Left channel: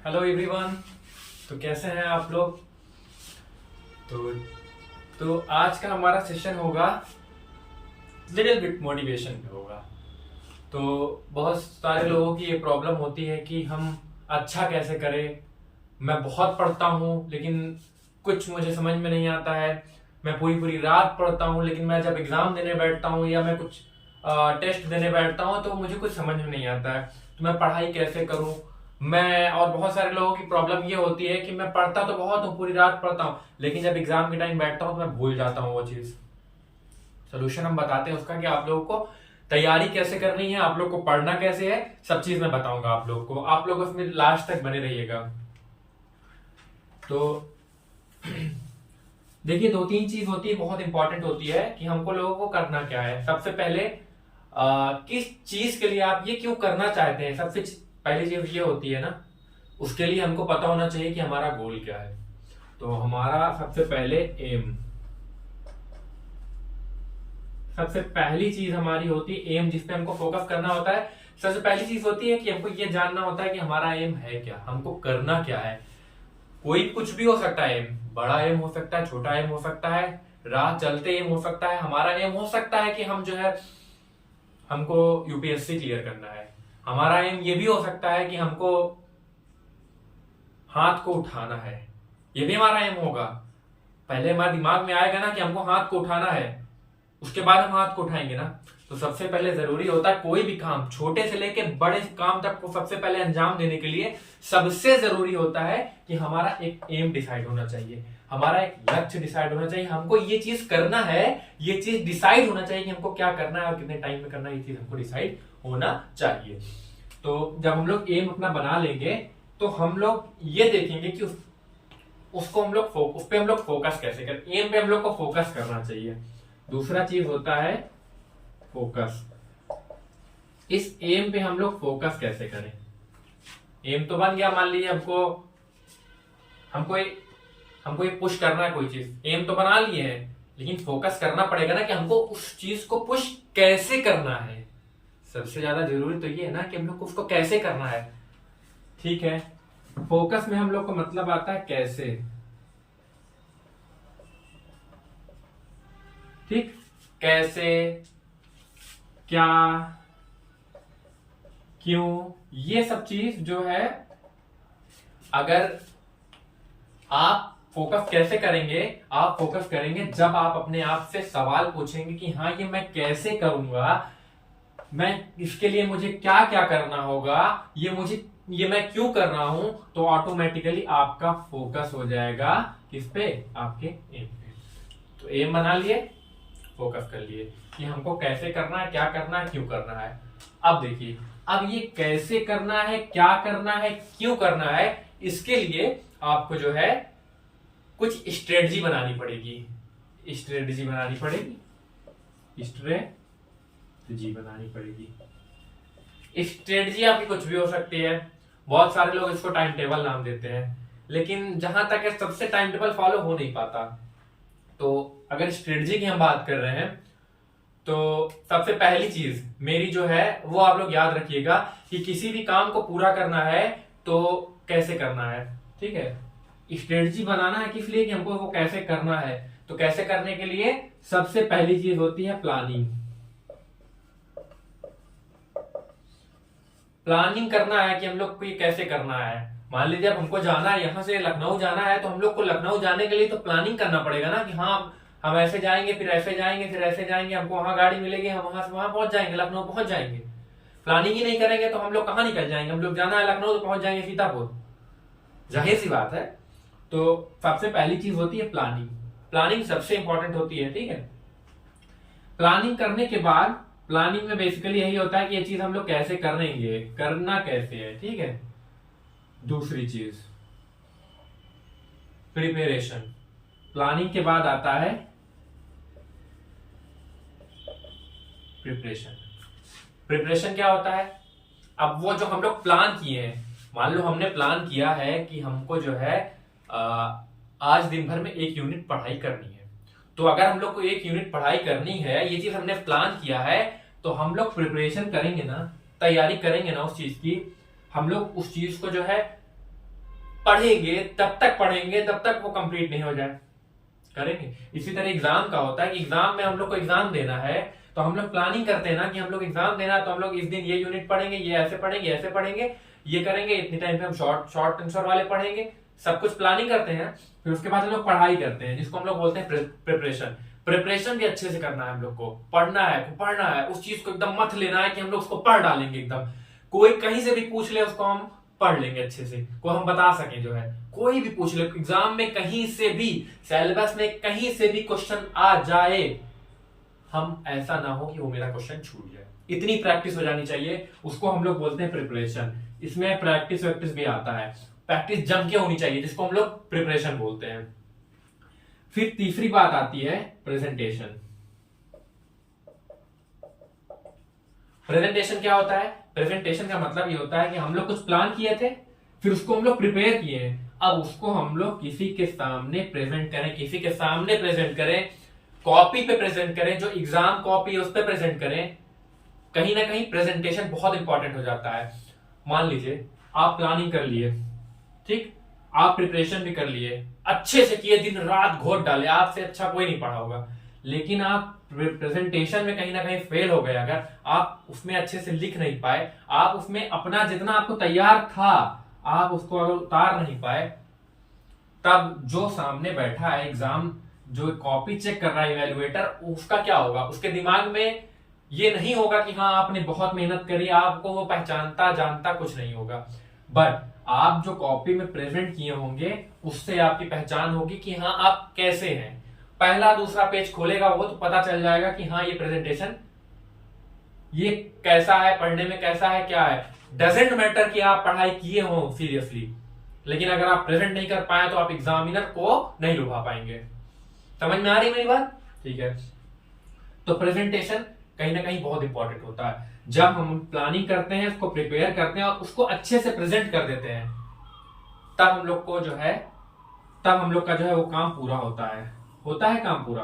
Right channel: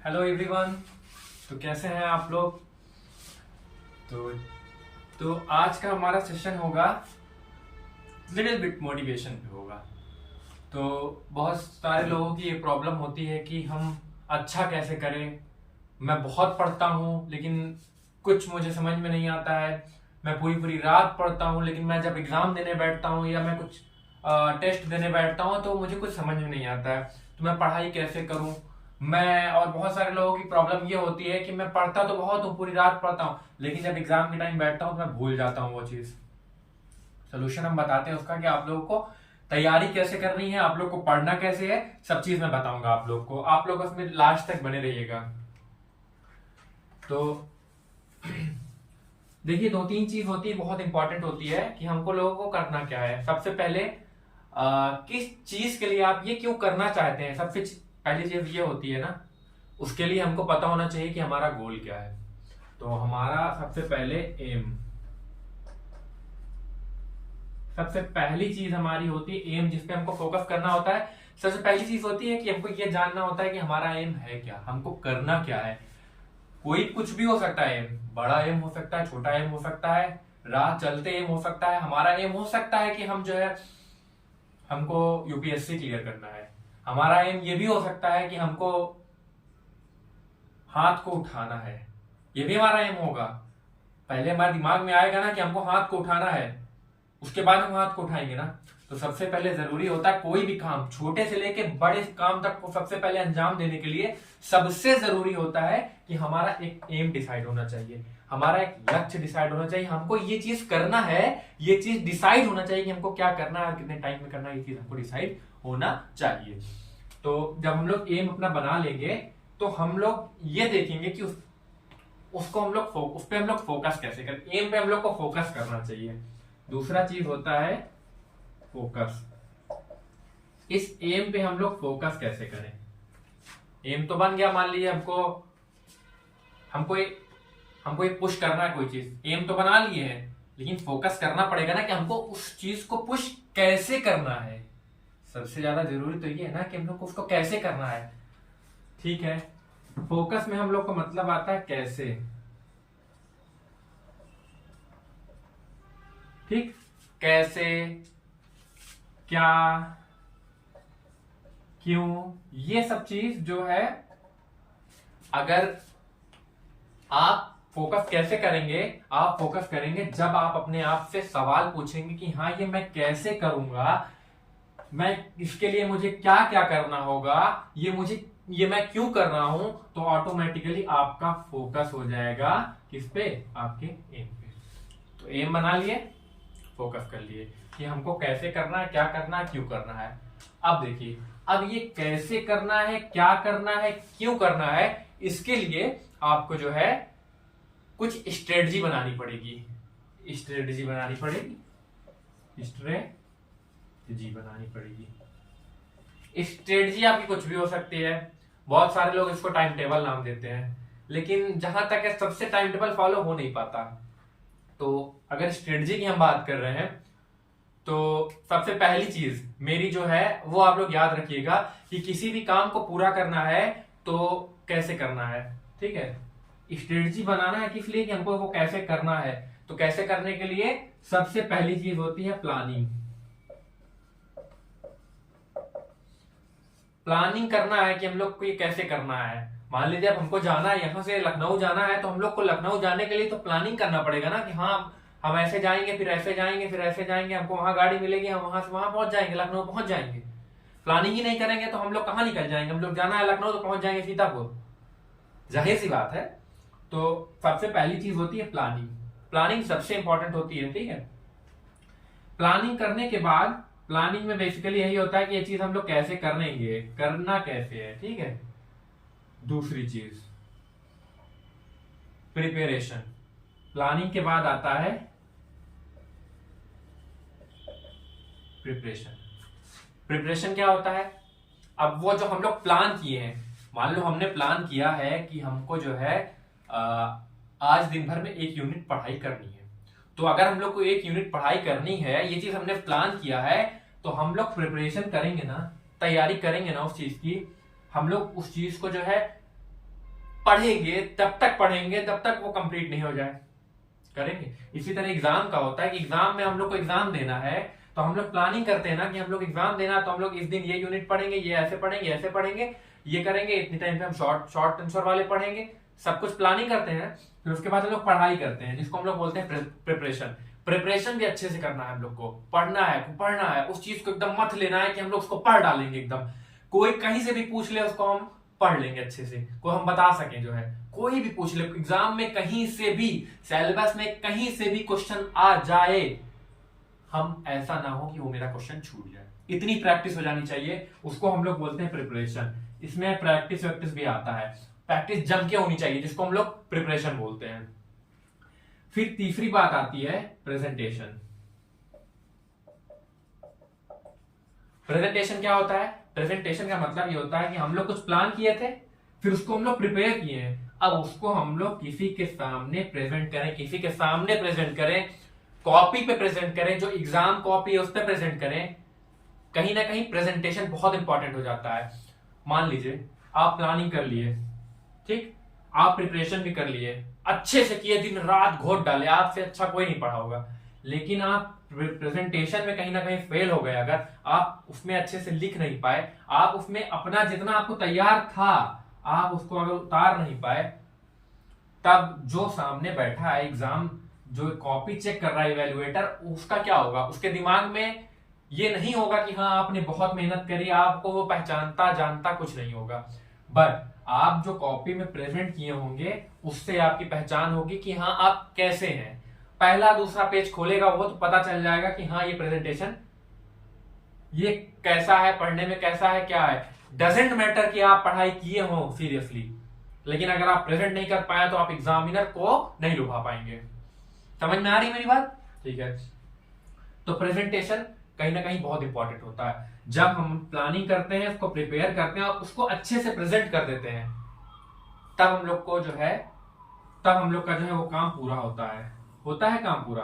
Hello everyone. तो कैसे हैं आप लोग। तो आज का हमारा सेशन होगा लिटिल बिट मोटिवेशन पे होगा। तो बहुत सारे लोगों की ये प्रॉब्लम होती है कि हम अच्छा कैसे करें। मैं बहुत पढ़ता हूँ लेकिन कुछ मुझे समझ में नहीं आता है। मैं पूरी पूरी रात पढ़ता हूँ लेकिन मैं जब एग्जाम देने बैठता हूँ या मैं कुछ टेस्ट देने बैठता हूँ तो मुझे कुछ समझ में नहीं आता है। तो मैं पढ़ाई कैसे करूँ। मैं और बहुत सारे लोगों की प्रॉब्लम ये होती है कि मैं पढ़ता तो बहुत हूँ, पूरी रात पढ़ता हूँ, लेकिन जब एग्जाम के टाइम बैठता हूँ तो मैं भूल जाता हूँ वो चीज। सोल्यूशन हम बताते हैं उसका कि आप लोगों को तैयारी कैसे करनी है, आप लोग को पढ़ना कैसे है, सब चीज मैं बताऊंगा आप लोग को। आप लोग उसमें लास्ट तक बने रहिएगा। तो देखिए, दो तीन चीज होती है, बहुत इंपॉर्टेंट होती है कि हमको लोगों को करना क्या है। सबसे पहले किस चीज के लिए आप ये क्यों करना चाहते हैं, सबसे पहली चीज ये होती है ना, उसके लिए हमको पता होना चाहिए कि हमारा गोल क्या है। तो हमारा सबसे पहले एम, सबसे पहली चीज हमारी होती है एम, जिसपे हमको फोकस करना होता है। सबसे पहली चीज होती है कि हमको ये जानना होता है कि हमारा एम है क्या, हमको करना क्या है। कोई कुछ भी हो सकता है, एम बड़ा एम हो सकता है, छोटा एम हो सकता है, राह चलते एम हो सकता है। हमारा एम हो सकता है कि हम जो है हमको यूपीएससी क्लियर करना है। हमारा एम ये भी हो सकता है कि हमको हाथ को उठाना है, ये भी हमारा एम होगा। पहले हमारे दिमाग में आएगा ना कि हमको हाथ को उठाना है, उसके बाद हम हाथ को उठाएंगे ना। तो सबसे पहले जरूरी होता है कोई भी काम, छोटे से लेके बड़े काम तक को सबसे पहले अंजाम देने के लिए सबसे जरूरी होता है कि हमारा एक एम डिसाइड होना चाहिए, हमारा एक लक्ष्य डिसाइड होना चाहिए। हमको ये चीज करना है, ये चीज डिसाइड होना चाहिए कि हमको क्या करना है और कितने टाइम में करना है, ये चीज हमको डिसाइड होना चाहिए। तो जब हम लोग एम अपना बना लेंगे तो हम लोग ये देखेंगे कि उसको हम लोग उस पे हम लोग फोकस कैसे करें। एम पे हम लोग को फोकस करना चाहिए। दूसरा चीज होता है फोकस। इस एम पे हम लोग फोकस कैसे करें। एम तो बन गया, मान लीजिए हमको हमको एक हमको एक पुश करना है कोई चीज, एम तो बना लिए हैं, लेकिन फोकस करना पड़ेगा ना कि हमको उस चीज को पुश कैसे करना है। सबसे ज्यादा जरूरी तो ये है ना कि हम लोग को उसको कैसे करना है। ठीक है, फोकस में हम लोग को मतलब आता है कैसे। ठीक, कैसे, क्या, क्यों, ये सब चीज जो है, अगर आप फोकस कैसे करेंगे, आप फोकस करेंगे जब आप अपने आप से सवाल पूछेंगे कि हाँ ये मैं कैसे करूंगा, मैं इसके लिए मुझे क्या क्या करना होगा, ये मैं क्यों कर रहा हूं। तो ऑटोमेटिकली आपका फोकस हो जाएगा किस पे, आपके एम पे। तो एम बना लिए, फोकस कर लिए कि हमको कैसे करना है, क्या करना है, क्यों करना है। अब देखिए, अब ये कैसे करना है, क्या करना है, क्यों करना है, इसके लिए आपको जो है कुछ स्ट्रेटजी बनानी पड़ेगी। स्ट्रेटजी बनानी पड़ेगी, स्ट्रेटजी बनानी पड़ेगी। स्ट्रेटजी आपकी कुछ भी हो सकती है। बहुत सारे लोग इसको टाइम टेबल नाम देते हैं, लेकिन जहां तक है सबसे टाइम टेबल फॉलो हो नहीं पाता। तो अगर स्ट्रेटजी की हम बात कर रहे हैं तो सबसे पहली चीज मेरी जो है वो आप लोग याद रखिएगा कि किसी भी काम को पूरा करना है तो कैसे करना है। ठीक है, स्ट्रेटजी बनाना है किस लिए, कि हमको वो कैसे करना है। तो कैसे करने के लिए सबसे पहली चीज होती है प्लानिंग। प्लानिंग करना है कि हम लोग को ये कैसे करना है। मान लीजिए अब हमको जाना है, यहां से लखनऊ जाना है, तो हम लोग को लखनऊ जाने के लिए तो प्लानिंग करना पड़ेगा ना कि हाँ हम ऐसे जाएंगे, फिर ऐसे जाएंगे, फिर ऐसे जाएंगे, हमको वहां गाड़ी मिलेगी, हम वहां से वहां पहुंच जाएंगे, लखनऊ पहुंच जाएंगे। प्लानिंग ही नहीं करेंगे तो हम लोग कहाँ निकल जाएंगे। हम लोग जाना है लखनऊ तो पहुंच जाएंगे सीतापुर, जाहिर सी बात है। तो सबसे पहली चीज होती है प्लानिंग। प्लानिंग सबसे इंपॉर्टेंट होती है। ठीक है, प्लानिंग करने के बाद, प्लानिंग में बेसिकली यही होता है कि ये चीज हम लोग कैसे करेंगे, करना कैसे है। ठीक है, दूसरी चीज प्रिपरेशन। प्लानिंग के बाद आता है प्रिपरेशन। प्रिपरेशन क्या होता है, अब वो जो हम लोग प्लान किए हैं, मान लो हमने प्लान किया है कि हमको जो है आज दिन भर में 1 यूनिट पढ़ाई करनी है। तो अगर हम लोग को 1 यूनिट पढ़ाई करनी है, ये चीज हमने प्लान किया है, तो हम लोग प्रिपरेशन करेंगे ना, तैयारी करेंगे ना उस चीज की। हम लोग उस चीज को जो है पढ़ेंगे तब तक पढ़ेंगे तब तक वो कंप्लीट नहीं हो जाए, करेंगे। इसी तरह एग्जाम का होता है कि एग्जाम में हम लोग को एग्जाम देना है तो हम लोग प्लानिंग करते हैं ना कि हम लोग एग्जाम देना है तो हम लोग इस दिन ये यूनिट पढ़ेंगे, ये ऐसे पढ़ेंगे, ये करेंगे, इतने टाइम पे हम शॉर्ट आंसर वाले पढ़ेंगे, सब कुछ प्लानिंग करते हैं। फिर उसके बाद हम लोग पढ़ाई करते हैं जिसको हम लोग बोलते हैं प्रिपरेशन भी अच्छे से करना है, हम लोग को पढ़ना है, उस चीज को एकदम मत लेना है कि हम लोग उसको पढ़ डालेंगे एकदम, कोई कहीं से भी पूछ ले उसको हम पढ़ लेंगे अच्छे से, को हम बता सकें, जो है कोई भी पूछ ले एग्जाम में कहीं से भी, सिलेबस में कहीं से भी क्वेश्चन आ जाए, हम ऐसा ना हो कि वो मेरा क्वेश्चन छूट जाए, इतनी प्रैक्टिस हो जानी चाहिए, उसको हम लोग बोलते हैं प्रिपरेशन। इसमें प्रैक्टिस वैक्टिस भी आता है, प्रैक्टिस जम के होनी चाहिए जिसको हम लोग प्रिपरेशन बोलते हैं। फिर तीसरी बात आती है प्रेजेंटेशन। प्रेजेंटेशन क्या होता है? प्रेजेंटेशन का मतलब ये होता है कि हम लोग कुछ प्लान किए थे, फिर उसको हम लोग प्रिपेयर किए, अब उसको हम लोग किसी के सामने प्रेजेंट करें, कॉपी पे प्रेजेंट करें, जो एग्जाम कॉपी है उस पर प्रेजेंट करें। कहीं ना कहीं प्रेजेंटेशन बहुत इंपॉर्टेंट हो जाता है। मान लीजिए आप प्लानिंग कर लिए, ठीक, आप प्रिपरेशन भी कर लिए, अच्छे से किए, दिन रात घोट डाले, आपसे अच्छा कोई नहीं पढ़ा होगा, लेकिन आप प्रेजेंटेशन में कहीं ना कहीं फेल हो गए, अगर आप उसमें अच्छे से लिख नहीं पाए, आप उसमें अपना जितना आपको तैयार था आप उसको अगर उतार नहीं पाए, तब जो सामने बैठा है एग्जाम, जो कॉपी चेक कर रहा है इवेलुएटर, उसका क्या होगा? उसके दिमाग में ये नहीं होगा कि हाँ आपने बहुत मेहनत करी, आपको वो पहचानता जानता कुछ नहीं होगा, बट आप जो कॉपी में प्रेजेंट किए होंगे उससे आपकी पहचान होगी कि हाँ आप कैसे हैं। पहला दूसरा पेज खोलेगा वो तो पता चल जाएगा कि हाँ ये प्रेजेंटेशन ये कैसा है, पढ़ने में कैसा है, क्या है। डजेंट मैटर कि आप पढ़ाई किए हो सीरियसली, लेकिन अगर आप प्रेजेंट नहीं कर पाए तो आप एग्जामिनर को नहीं लुभा पाएंगे। समझ में आ रही मेरी बात? ठीक है, तो प्रेजेंटेशन कहीं ना कहीं बहुत इंपॉर्टेंट होता है। जब हम प्लानिंग करते हैं, उसको प्रिपेयर करते हैं और उसको अच्छे से प्रेजेंट कर देते हैं, तब हम लोग का जो है वो काम पूरा होता है काम पूरा।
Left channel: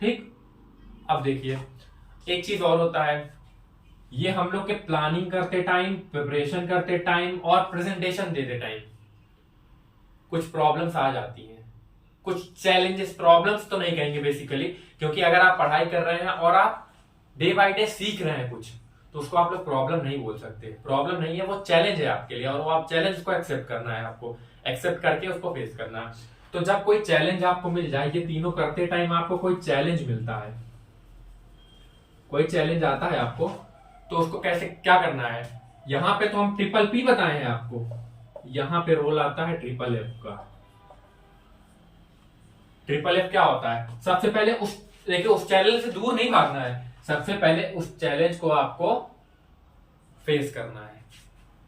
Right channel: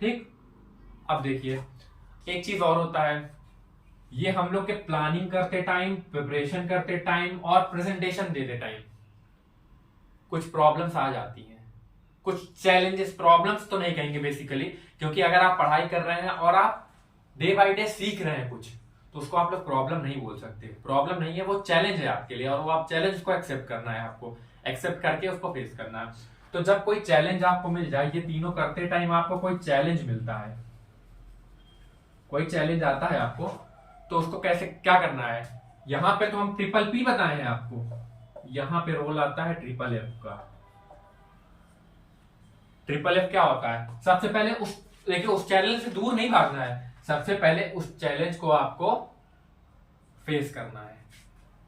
ठीक, अब देखिए एक चीज और होता है, ये हम लोग के प्लानिंग करते टाइम, प्रिपरेशन करते टाइम और प्रेजेंटेशन देते टाइम कुछ प्रॉब्लम्स आ जाती हैं, कुछ चैलेंजेस, प्रॉब्लम्स तो नहीं कहेंगे बेसिकली, क्योंकि अगर आप पढ़ाई कर रहे हैं और आप डे बाय डे सीख रहे हैं कुछ, तो उसको आप लोग प्रॉब्लम नहीं बोल सकते। प्रॉब्लम नहीं है, वो चैलेंज है आपके लिए, और वो आप चैलेंज को एक्सेप्ट करना है, आपको एक्सेप्ट करके उसको फेस करना है। तो जब कोई चैलेंज आपको मिल जाए, ये तीनों करते टाइम आपको कोई चैलेंज मिलता है, कोई चैलेंज आता है आपको, तो उसको कैसे क्या करना है। यहां पे तो हम ट्रिपल पी बताए हैं आपको, यहां पे रोल आता है ट्रिपल एफ का। ट्रिपल एफ क्या होता है? सबसे पहले उस चैलेंज से दूर नहीं भागना है, सबसे पहले उस चैलेंज को आपको फेस करना है।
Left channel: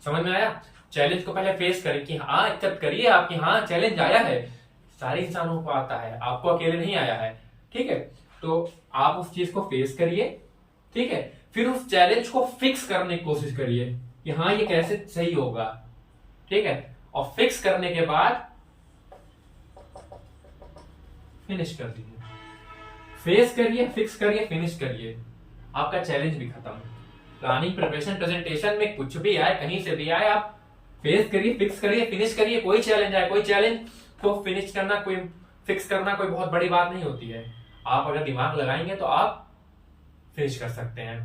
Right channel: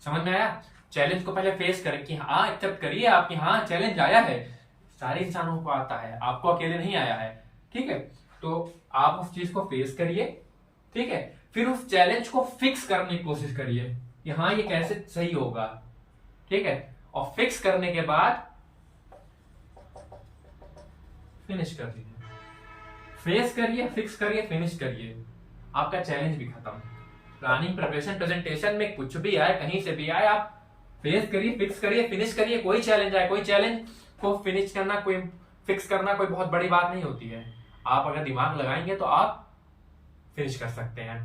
समझ में आया? चैलेंज को पहले फेस करें कि हाँ एक्सेप्ट करिए आपकी, हाँ चैलेंज आया है, सारे इंसानों को आता है, आपको अकेले नहीं आया है। ठीक है, तो आप उस चीज को फेस करिए, ठीक है, फिर उस चैलेंज को फिक्स करने की कोशिश करिए कि हाँ ये कैसे सही होगा। ठीक है, और फिक्स करने के बाद फिनिश कर दीजिए। फेस करिए, फिक्स करिए, फिनिश करिए, आपका चैलेंज भी खत्म। प्लानिंग, प्रिपरेशन, प्रेजेंटेशन में कुछ भी आए, कहीं से भी आए, आप फेस करिए, फिक्स करिए, फिनिश करिए। कोई चैलेंज आए, कोई चैलेंज को फिनिश करना, कोई फिक्स करना कोई बहुत बड़ी बात नहीं होती है। आप अगर दिमाग लगाएंगे तो आप फिनिश कर सकते हैं।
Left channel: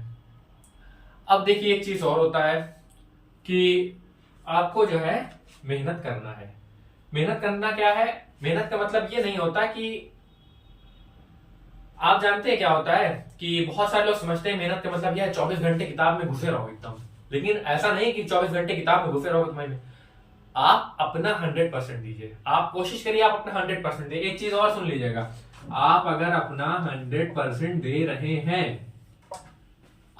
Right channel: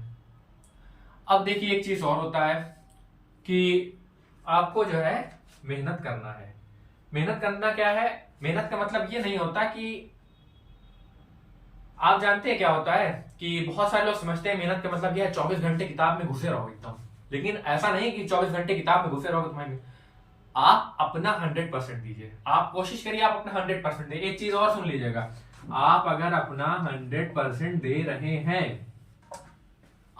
अब देखिए एक चीज और होता है कि आपको जो है मेहनत करना है। मेहनत करना क्या है? मेहनत का मतलब ये नहीं होता कि आप जानते हैं क्या होता है कि बहुत सारे लोग समझते हैं मेहनत का मतलब यह है 24 घंटे किताब में घुसे रहो एकदम, लेकिन ऐसा नहीं कि 24 घंटे किताब में घुसे रहोगे तुम्हारे में। आप अपना 100% दीजिए, आप कोशिश करिए आप अपना 100% दे। एक चीज और सुन लीजिएगा, आप अगर अपना 100% दे रहे हैं,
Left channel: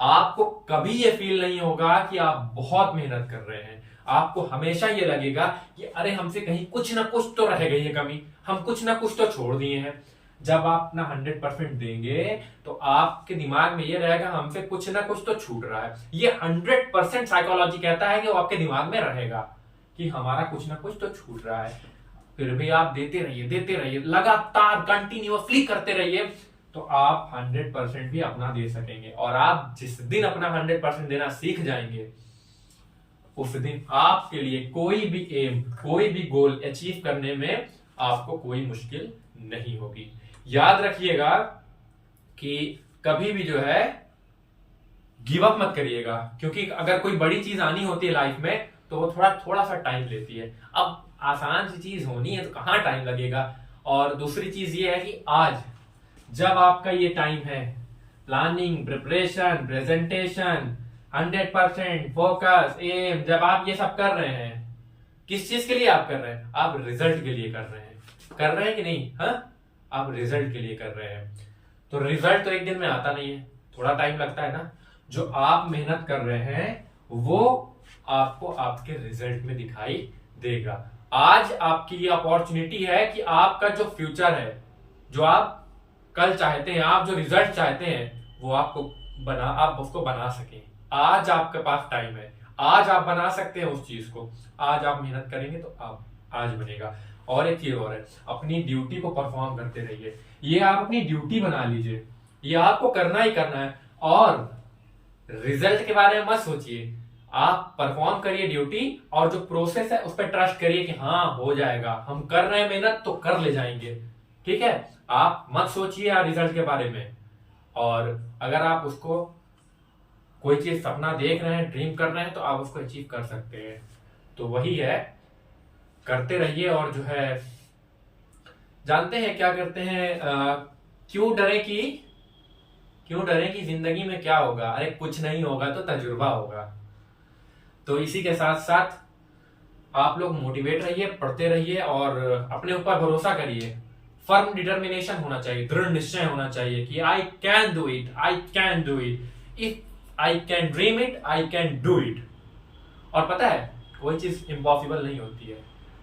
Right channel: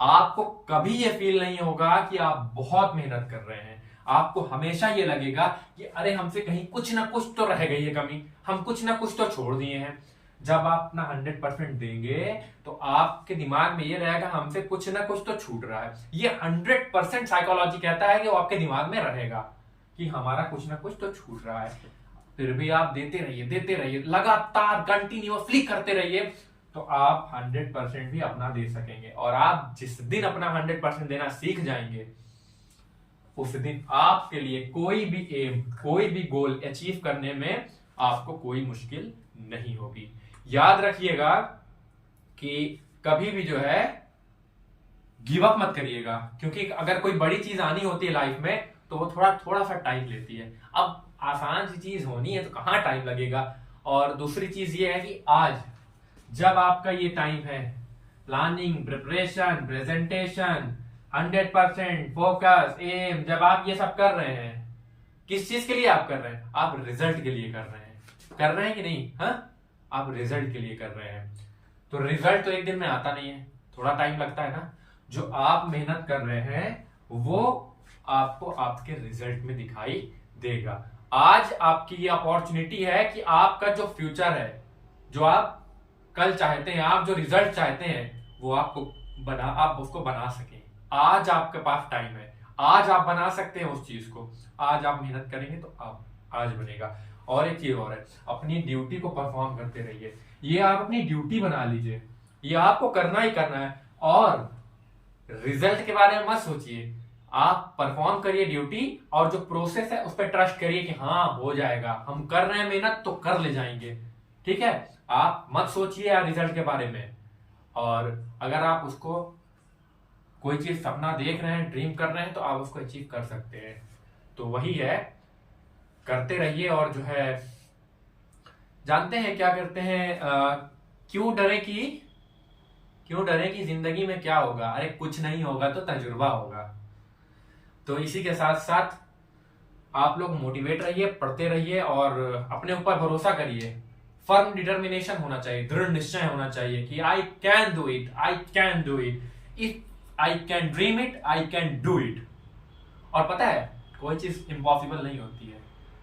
आपको कभी ये फील नहीं होगा कि आप बहुत मेहनत कर रहे हैं। आपको हमेशा ये लगेगा कि अरे हमसे कहीं कुछ ना कुछ तो रह गई है कमी, हम कुछ ना कुछ तो छोड़ दिए हैं। जब आप अपना 100% देंगे तो आपके दिमाग में ये रहेगा हमसे कुछ ना कुछ तो छूट रहा है। ये 100% साइकोलॉजी कहता है कि वो आपके दिमाग में रहेगा कि हमारा कुछ ना कुछ तो छूट रहा है। फिर भी आप देते रहिए, लगातार कंटिन्यूअसली करते रहिए, तो आप 100% भी अपना दे सकेंगे। और आप जिस दिन अपना 100% देना सीख जाएंगे, उस दिन आपके लिए कोई भी एम, कोई भी गोल अचीव करने में आपको कोई मुश्किल नहीं होगी। याद रखिएगा कि कभी भी जो है गिव अप मत करिएगा, क्योंकि अगर कोई बड़ी चीज आनी होती है लाइफ में तो वो थोड़ा सा टाइम लेती है। अब आसान सी चीज होनी है तो कहां टाइम लगेगा। और दूसरी चीज ये है कि आज जब आपका ये टाइम है, planning, preparation, presentation, 100% focus, um, जब आप ये सब कर रहे हैं, किस चीज के लिए आप कर रहे हैं? आप रिजल्ट के लिए कर रहे हैं कि नहीं? हाँ, आप रिजल्ट के लिए कर रहे हैं। तो रिजल्ट तो एक दिन में आता नहीं है, थोड़ा टाइम लगता है ना। जो आप मेहनत कर रहे हैं वो आपको आपके रिजल्ट में दिखाई देगा। आज आपकी ये अपॉर्चुनिटी है कि आपका जो फ्यूचर है, जो आप कल चाहते हैं, आप जो रिजल्ट चाहते हैं, वो आप उसको बना सकें। आज आपके पास टाइम है, आज आप बना सकते हैं उस चीज को। आज आप मेहनत करेंगे तो आप आज बनेगा। और एक चीज और है, अपनी ड्यूटी को परफॉर्म करते रहिए। ये आप अपनी ड्यूटी बना लीजिए, ये आपको करना ही करना है। और रिजल्ट के बारे में मत सोचिए, आप परफॉर्म करिए ड्यूटी, और जो प्रोसेस है उस पर ट्रस्ट करिए कि हाँ हो जाएगा, हम कर रहे हैं मेहनत तो कर ले जाएंगे। ठीक है, आप मत सोचिए रिजल्ट के बारे में। और अगर आप उसको कोई चीज सपना देख रहे हैं, ड्रीम कर रहे हैं, तो आप उसको अचीव कर सकते हैं। तो वही है, करते रहिए। और जो है जानते हैं क्या करते हैं, क्यों डरे कि जिंदगी में क्या होगा? अरे कुछ नहीं होगा तो तजुर्बा होगा। तो इसी के साथ साथ आप लोग मोटिवेट रहिए, पढ़ते रहिए और अपने ऊपर भरोसा करिए। फर्म डिटर्मिनेशन होना चाहिए, दृढ़ निश्चय होना चाहिए कि I can do it, I can do it, if I can dream it, I can do it. और पता है, कोई चीज इम्पॉसिबल नहीं होती है,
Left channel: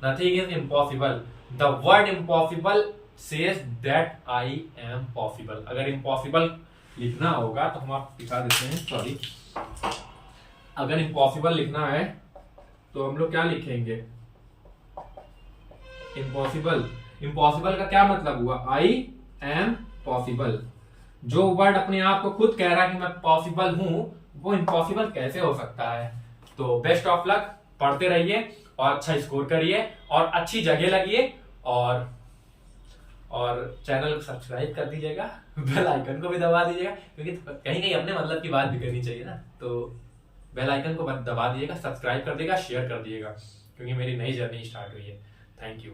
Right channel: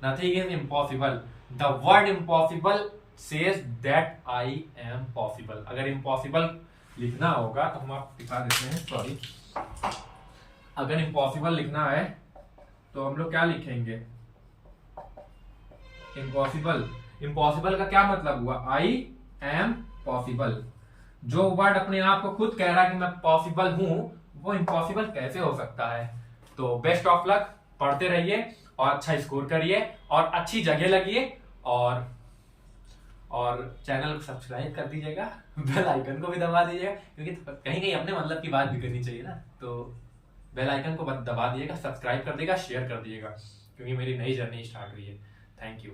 nothing is impossible. The word impossible says that I am possible. अगर इम्पॉसिबल लिखना होगा तो हम आप दिखा देते हैं, सॉरी। अगर इम्पॉसिबल लिखना है तो हम लोग क्या लिखेंगे? इम्पॉसिबल का क्या मतलब हुआ? I am possible. जो वर्ड अपने आप को खुद कह रहा है कि मैं पॉसिबल हूं, वो इम्पॉसिबल कैसे हो सकता है? तो बेस्ट ऑफ लक, पढ़ते रहिए और अच्छा स्कोर करिए और अच्छी जगह लगिए। और चैनल को सब्सक्राइब कर दीजिएगा, बेल आइकन को भी दबा दीजिएगा, क्योंकि कहीं कहीं अपने मतलब की बात भी करनी चाहिए ना। तो बेल आइकन को दबा दीजिएगा, सब्सक्राइब कर देगा, शेयर कर दीजिएगा, क्योंकि मेरी नई जर्नी स्टार्ट हुई है। Thank you.